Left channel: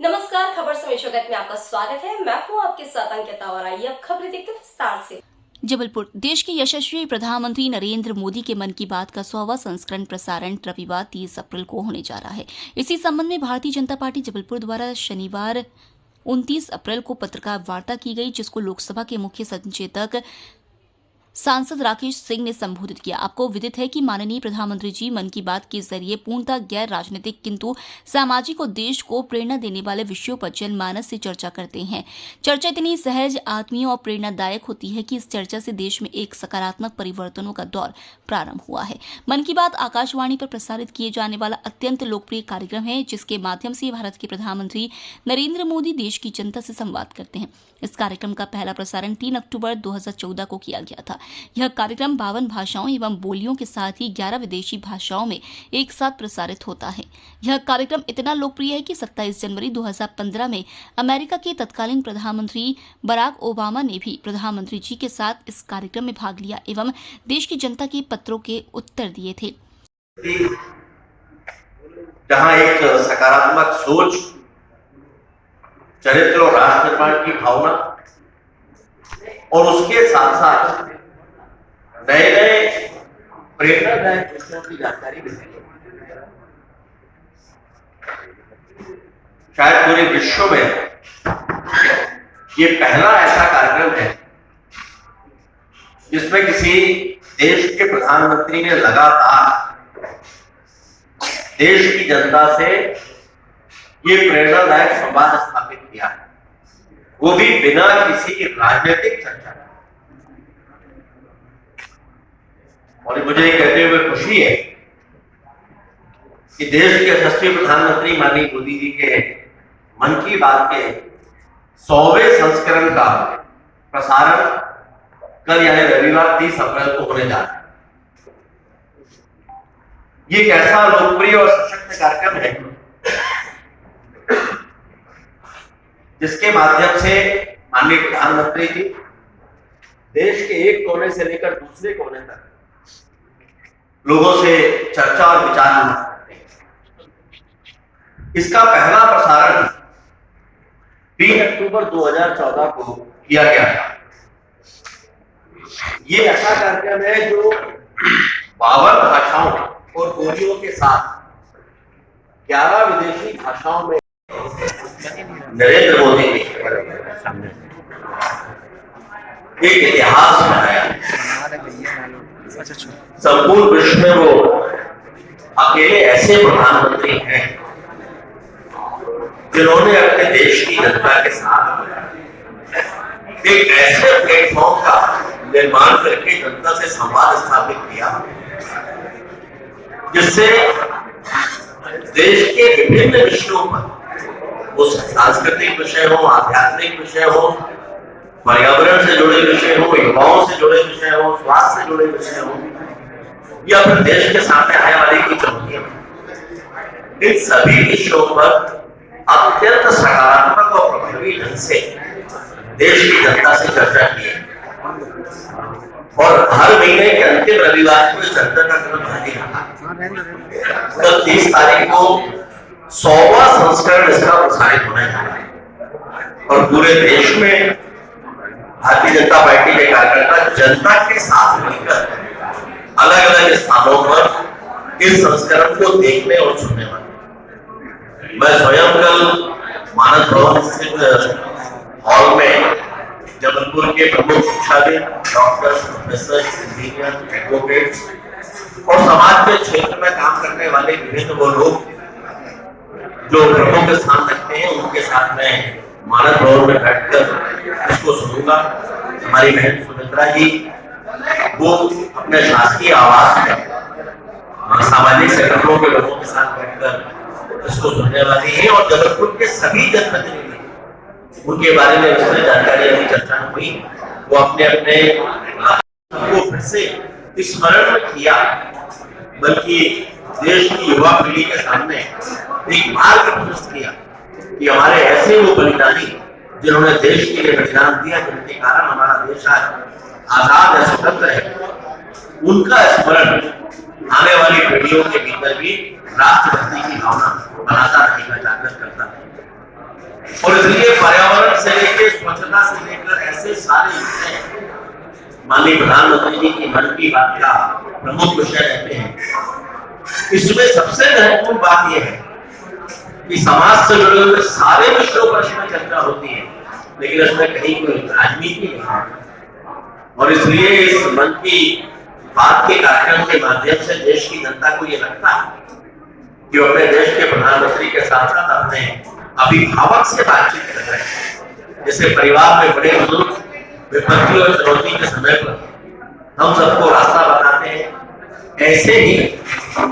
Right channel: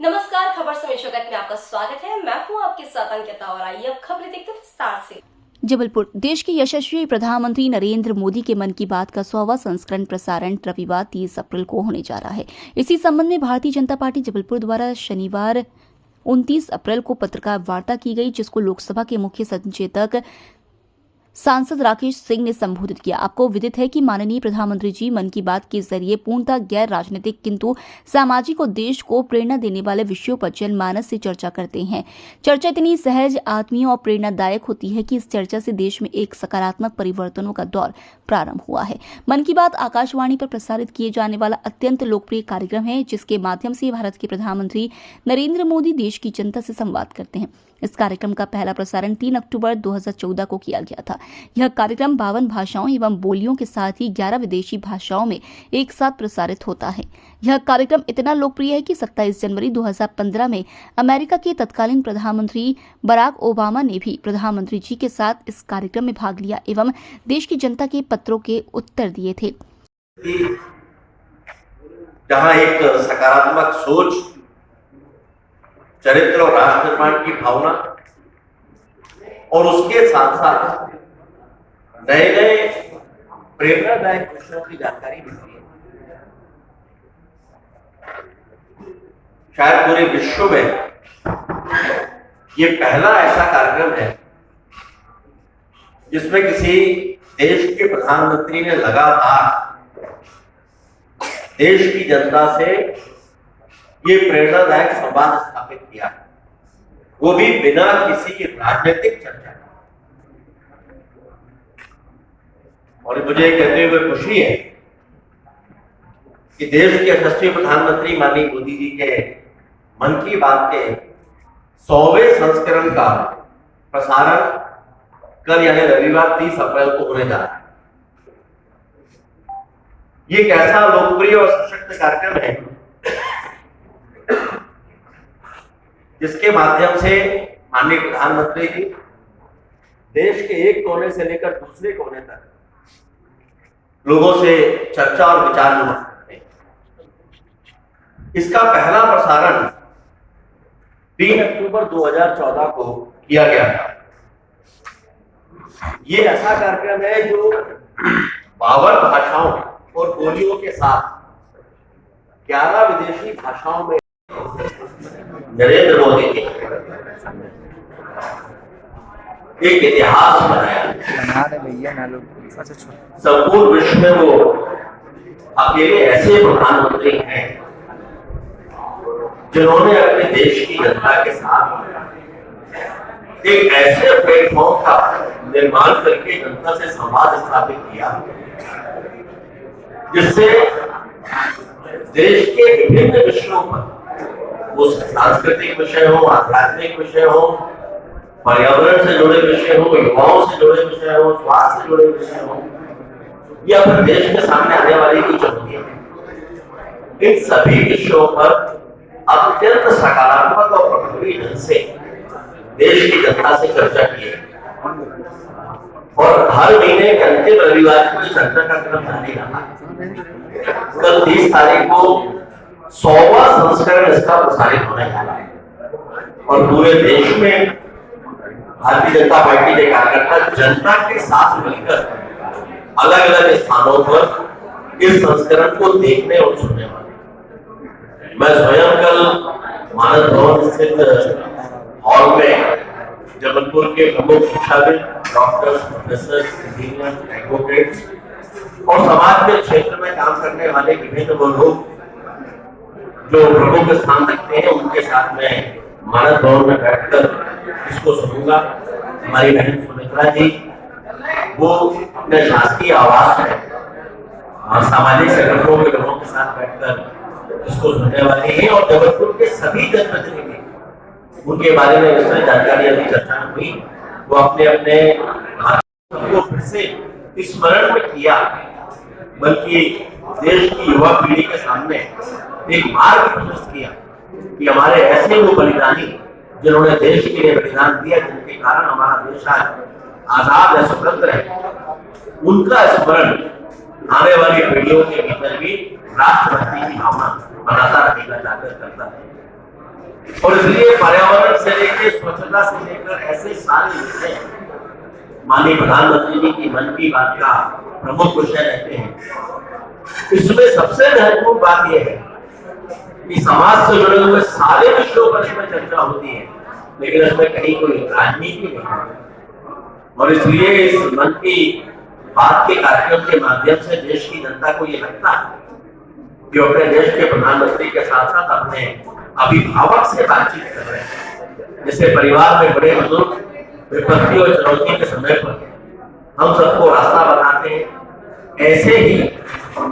नमस्कार, खबर समय जगत में आपका स्वागत है। मैं हूं आपके साथ अंकिता और आइए अब खबरें देखते हैं विस्तार से। जबलपुर देश के यशस्वी प्रधानमंत्री नरेंद्र मोदी के मन की बात का 100वां संस्करण प्रसारण रविवार 30 अप्रैल को होने जा रहा है। इसी संबंध में भारतीय जनता पार्टी जबलपुर द्वारा शनिवार 29 अप्रैल को पत्रकार वार्ता की गई, जिसको लोकसभा के मुख्य संचेतक सांसद राकेश सिंह ने संबोधित किया। आपको विदित है कि माननीय प्रधानमंत्री जी मन की बात के जरिए पूर्णतः गैर राजनीतिक किंतु सामाजिक और देश को प्रेरणा देने वाले विषयों पर जनमानस से चर्चा करते हैं। चर्चा इतनी सहज, आत्मीय और प्रेरणादायक होती है कि इस चर्चा से देश में एक सकारात्मक परिवर्तनों का दौर प्रारंभ हुआ है। मन की बात आकाशवाणी पर प्रसारित किए जाने वाला अत्यंत लोकप्रिय कार्यक्रम है, जिसके माध्यम से भारत के प्रधानमंत्री नरेंद्र मोदी देश की जनता से संवाद करते हैं। इस कार्यक्रम का पहला प्रसारण 3 अक्टूबर 2014 को किया गया था। यह कार्यक्रम 52 भाषाओं एवं बोलियों के साथ ही 11 विदेशी भाषाओं में एक साथ प्रसारित होता है। यह कार्यक्रम इतना लोकप्रिय है कि 27 जनवरी 2015 में अमेरिका के तत्कालीन प्रधानमंत्री बराक ओबामा ने भी प्रधानमंत्री जी के साथ इस कार्यक्रम में भाग लिया एवं देश की जनता के पत्रों के उत्तर दिए थे। जहां एक सकारात्मक सोच, चरित्र और राष्ट्र निर्माण की भावना और उसके साथ साथ नए नए प्रेरणादायक विषयों की जानकारी मिलती है। शायद पूरे विश्व में ये पहला ऐसा कार्यक्रम है जिसमें किसी देश के प्रधानमंत्री ने लगातार देश की जनता से ये प्रेरणादायक संवाद स्थापित किया है, वो भी बिना किसी राजनीतिक चर्चा। और मुझे कहते हुए खुशी है कि देश के यशस्वी प्रधानमंत्री माननीय मोदी जी के मन की बात के 100वें संस्करण का प्रसारण कल यानी रविवार 30 अप्रैल को होने जा रहा है। ये एक ऐसा लोकप्रिय और सशक्त कार्यक्रम है जिसके माध्यम से माननीय प्रधानमंत्री जी देश के एक कोने से लेकर दूसरे कोने तक लोगों से चर्चा और विचार विमर्श करते हैं। इसका पहला प्रसारण 3 अक्टूबर 2014 को किया गया था। ये ऐसा कार्यक्रम है जो 52 भाषाओं और बोलियों के साथ 11 विदेशी भाषाओं में नरेंद्र मोदी ने एक इतिहास बनाया। संपूर्ण विश्व में वो अकेले ऐसे प्रधानमंत्री हैं जिन्होंने अपने देश की जनता के साथ एक ऐसे प्लेटफॉर्म का निर्माण करके जनता से संवाद स्थापित किया जिससे देश के विभिन्न विषयों पर, वो सांस्कृतिक विषय हो, आध्यात्मिक विषय हो, पर्यावरण से जुड़े विषय हो, युवाओं से जुड़े विषय हो, स्वास्थ्य से जुड़े विषय हो, या फिर देश के सामने आने वाली कोई चुनौतियां, इन सभी विषयों पर अत्यंत सकारात्मक और प्रभावी ढंग से देश की जनता से चर्चा की है। और हर महीने के अंतिम रविवार को चर्चा का क्रम जारी रहा। कल 30 तारीख को 100वां संस्करण इसका प्रसारित होने जा रहा है और पूरे देश में भारतीय जनता पार्टी के कार्यकर्ता जनता के साथ मिलकर अलग अलग स्थानों पर इस संस्करण को देखने और सुनने वाले। मैं स्वयं कल मानस भवन स्थित हॉल में जबलपुर के प्रमुख शिक्षाविद, डॉक्टर्स, प्रोफेसर, इंजीनियर, एडवोकेट्स और समाज के क्षेत्र में काम करने वाले विभिन्न वो लोग जो प्रमुख स्थान रखते हैं, उनके साथ में मानस भवन में बैठकर इसको सुनूंगा। हमारी बहन सुमित्रा जी वो अपने शासकीय आवास में सामाजिक संगठनों के लोगों के साथ बैठकर इसको सुनने वाली हैं और जबलपुर के सभी जनप्रतिनिधि, उनके बारे में विस्तृत जानकारी अभी चर्चा हुई, वो अपने अपने को फिर से स्मरण में किया, बल्कि देश की युवा पीढ़ी के सामने एक मार्ग प्रशस्त किया कि हमारे ऐसे वो बलिदानी जिन्होंने देश के लिए बलिदान दिया, जिनके कारण हमारा देश आज आजाद है, स्वतंत्र है, उनका स्मरण आने वाली पीढ़ियों के भीतर भी राष्ट्रभक्ति की भावना बनाता रहेगा, जागृत करता रहेगा। और इसलिए पर्यावरण से लेकर स्वच्छता से लेकर ऐसे सारे विषय माननीय प्रधानमंत्री जी की मन की बात का प्रमुख विषय रहते हैं। इसमें सबसे महत्वपूर्ण बात यह है कि समाज से जुड़े हुए सारे विषयों पर इसमें चर्चा होती है, लेकिन इसमें कहीं कोई राजनीति नहीं है। और इसलिए इस मन की बात के कार्यक्रम के माध्यम से देश की जनता को ये लगता है कि वो अपने देश के प्रधानमंत्री के साथ साथ अपने अभिभावक से बातचीत कर रहे हैं। जैसे परिवार में बड़े बुजुर्ग विपत्ति और चुनौती के समय पर हम सबको रास्ता बताते हैं, ऐसे ही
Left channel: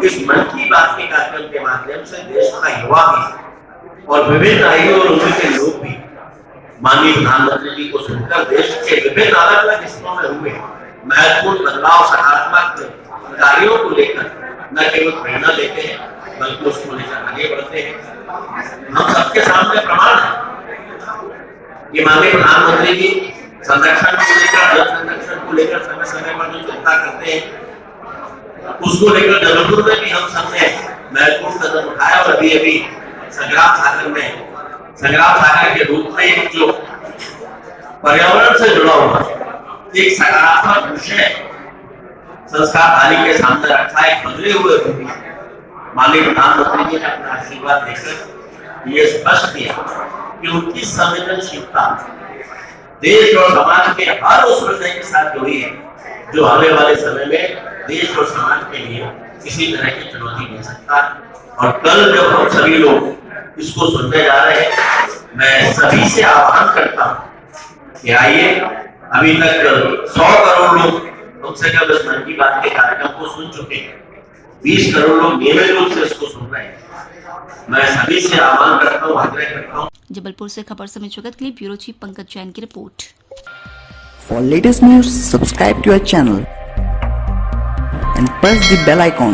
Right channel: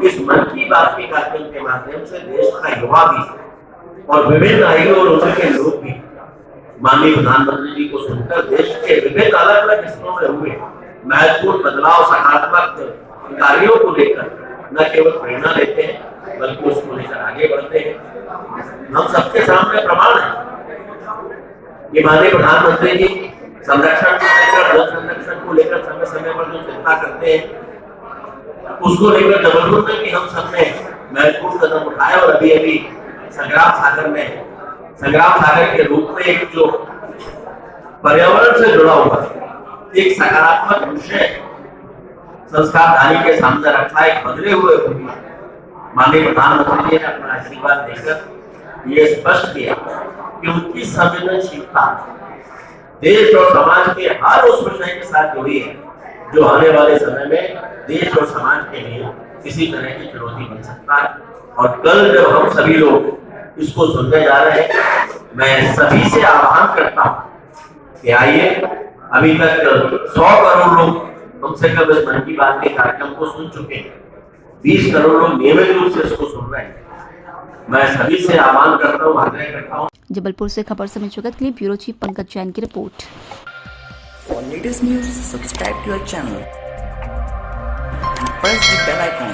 इस मन की बात के कार्यक्रम के माध्यम से देश का युवा भी और विभिन्न आयु और उम्र के लोग भी माननीय प्रधानमंत्री जी को सुनकर देश के विभिन्न अलग अलग हिस्सों में हुए महत्वपूर्ण बदलाव, सकारात्मक कार्यों को लेकर न केवल प्रेरणा लेते हैं बल्कि उसको लेकर आगे बढ़ते हैं। हम सबके सामने प्रमाण है कि माननीय प्रधानमंत्री जी संरक्षण को लेकर, जल संरक्षण को लेकर समय समय पर जो चिंता करते हैं, उसको लेकर जबलपुर में भी हम सबने महत्वपूर्ण कदम उठाए। और अभी अभी संग्राम सागर के रूप में एक जो पर्यावरण से जुड़ा हुआ एक सकारात्मक विषय संस्कार धानी के सामने रखा है। बदले हुए भी माननीय प्रधानमंत्री जी ने अपना आशीर्वाद देकर ये स्पष्ट किया कि उनकी संवेदनशीलता देश और समाज के हर उस विषय के साथ जुड़ी है जो आने वाले समय में देश और समाज के लिए किसी तरह की चुनौती बन सकता है। और कल जब हम सभी लोग इसको सुनने जा रहे हैं, मैं सभी से आह्वान करता हूं कि आइए, अभी तक 100 करोड़ लोग कम से कम इस मन की बात के कार्यक्रम को सुन चुके हैं, 20 करोड़ लोग नियमित रूप से इसको सुन रहे हैं। मैं सभी से आह्वान करता हूँ, आग्रह करता हूँ। जबलपुर से खबर समय जगत के लिए ब्यूरो चीफ पंकज जैन की report. For latest news, subscribe to our channel and press the bell icon.